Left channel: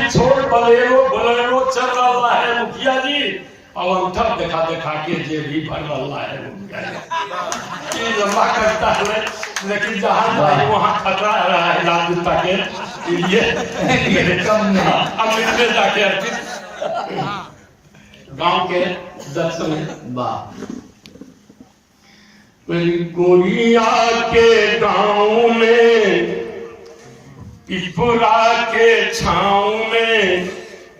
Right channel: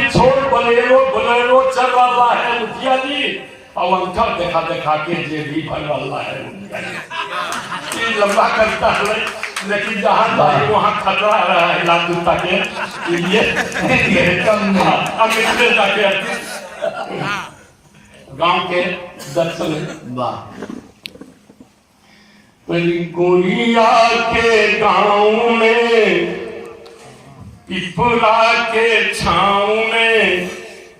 गाड़ी छोड़ Bolero Bolero चल रहा है मुखिया जी, और अंतर देखा देखा के जे भी बन रहा है मुखिया जी। लंबा करता है लेकिन जहाँ जाए वहाँ खतरा रहा है लाल जूता के ये कम नहीं अमृतसर के गांव के दर्शन। गोरिया के गांव में पिपरा के छाँव में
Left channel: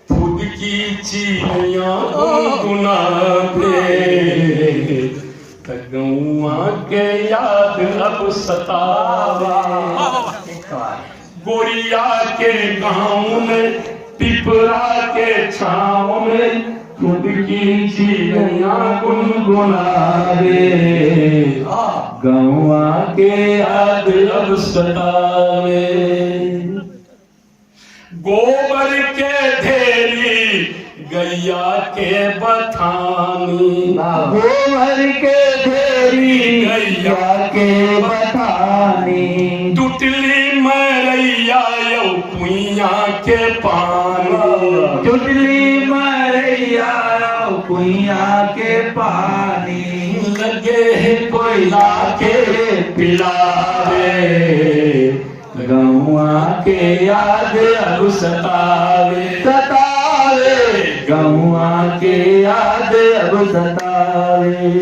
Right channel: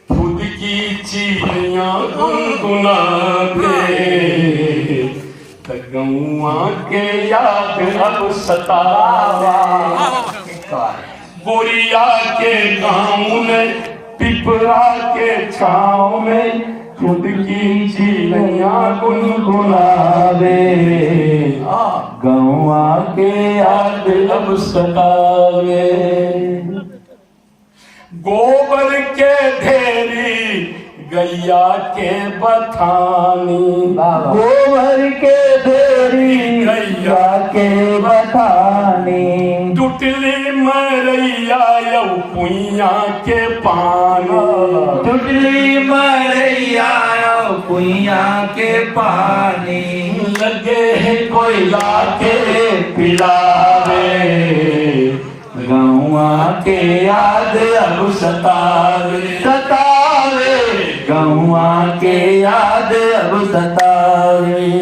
खुद की चिड़िया गुनगुनावे, गौआ के याद अब सतावा। गोरिया के गांव में पिपरा के छाँव में खुद की चिड़िया गुनगुनावे, गौआ के याद अब सतावे। गोबर के ढेरी गैया के बथानी, गोबर के ढेरी गैया के बथानी, टुटली मरैया यौ कुइया के पानी, टुटली मरैया यौ कुइया के पानी, लगे है कोयला के पिलावे, गौआ के याद अब सतावे, सतावे, गौआ के याद अब सतावे।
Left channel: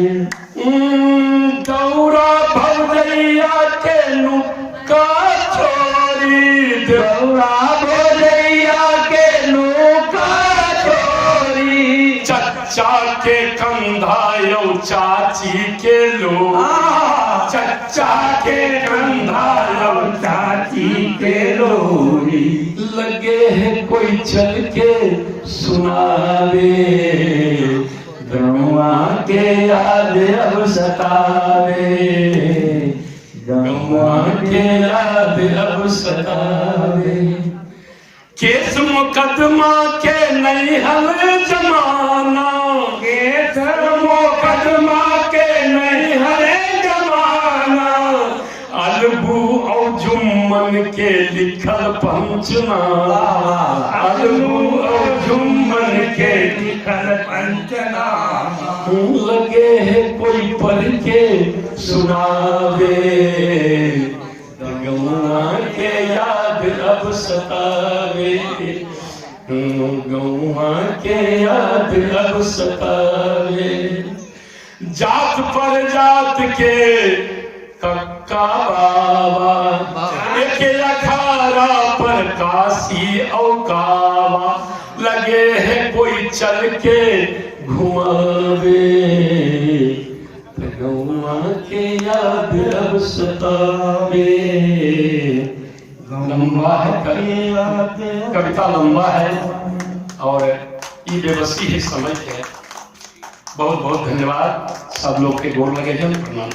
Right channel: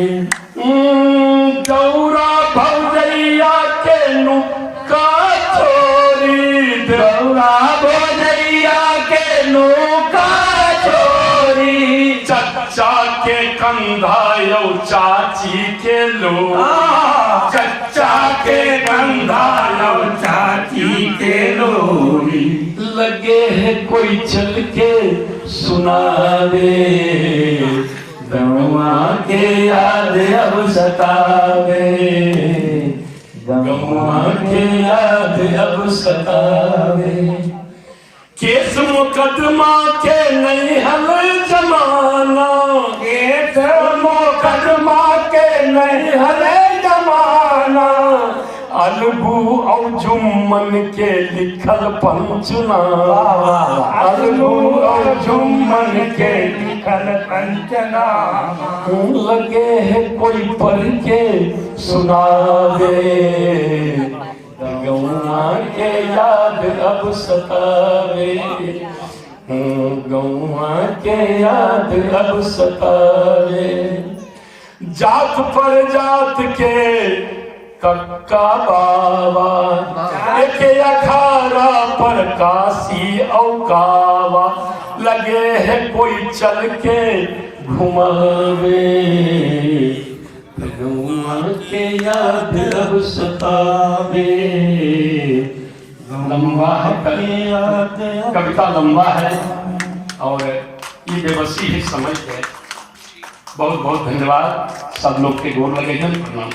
गौरा भौजैया के नुक्का छोरी, गौरा भौजैया के नुक्का छोरी, चच्चा के कंधा यौ चाची के लो, चच्चा के कंधा यौ चाची के लोरी, लगे है कोई चल के सुनावे, गौआ के याद अब सतावे, गौआ के याद अब सतावे। केस मुकदमा के नहीं हल जमाना, केस मुकदमा के नहीं हल जमाना, अलगू और जुम्मन के लिखल पंचनामा, अलगू और जुम्मन के लिखल पंचनामा, लगे है कोई पढ़ के सुनावे, गौआ के याद अब सतावे, गौआ के याद अब सतावे। जात पर जात के कक्का बाबा, एक अखाड़ा पर काशी और कावा, लगे है कोई चल के घुमावे, गौआ के याद अब सतावे। लंबा है कविता लंबा है और ये बेबसी है समझ है। बहुत बहुत धन्यवाद सब लोग के गोर लगे हैं। प्रणाम।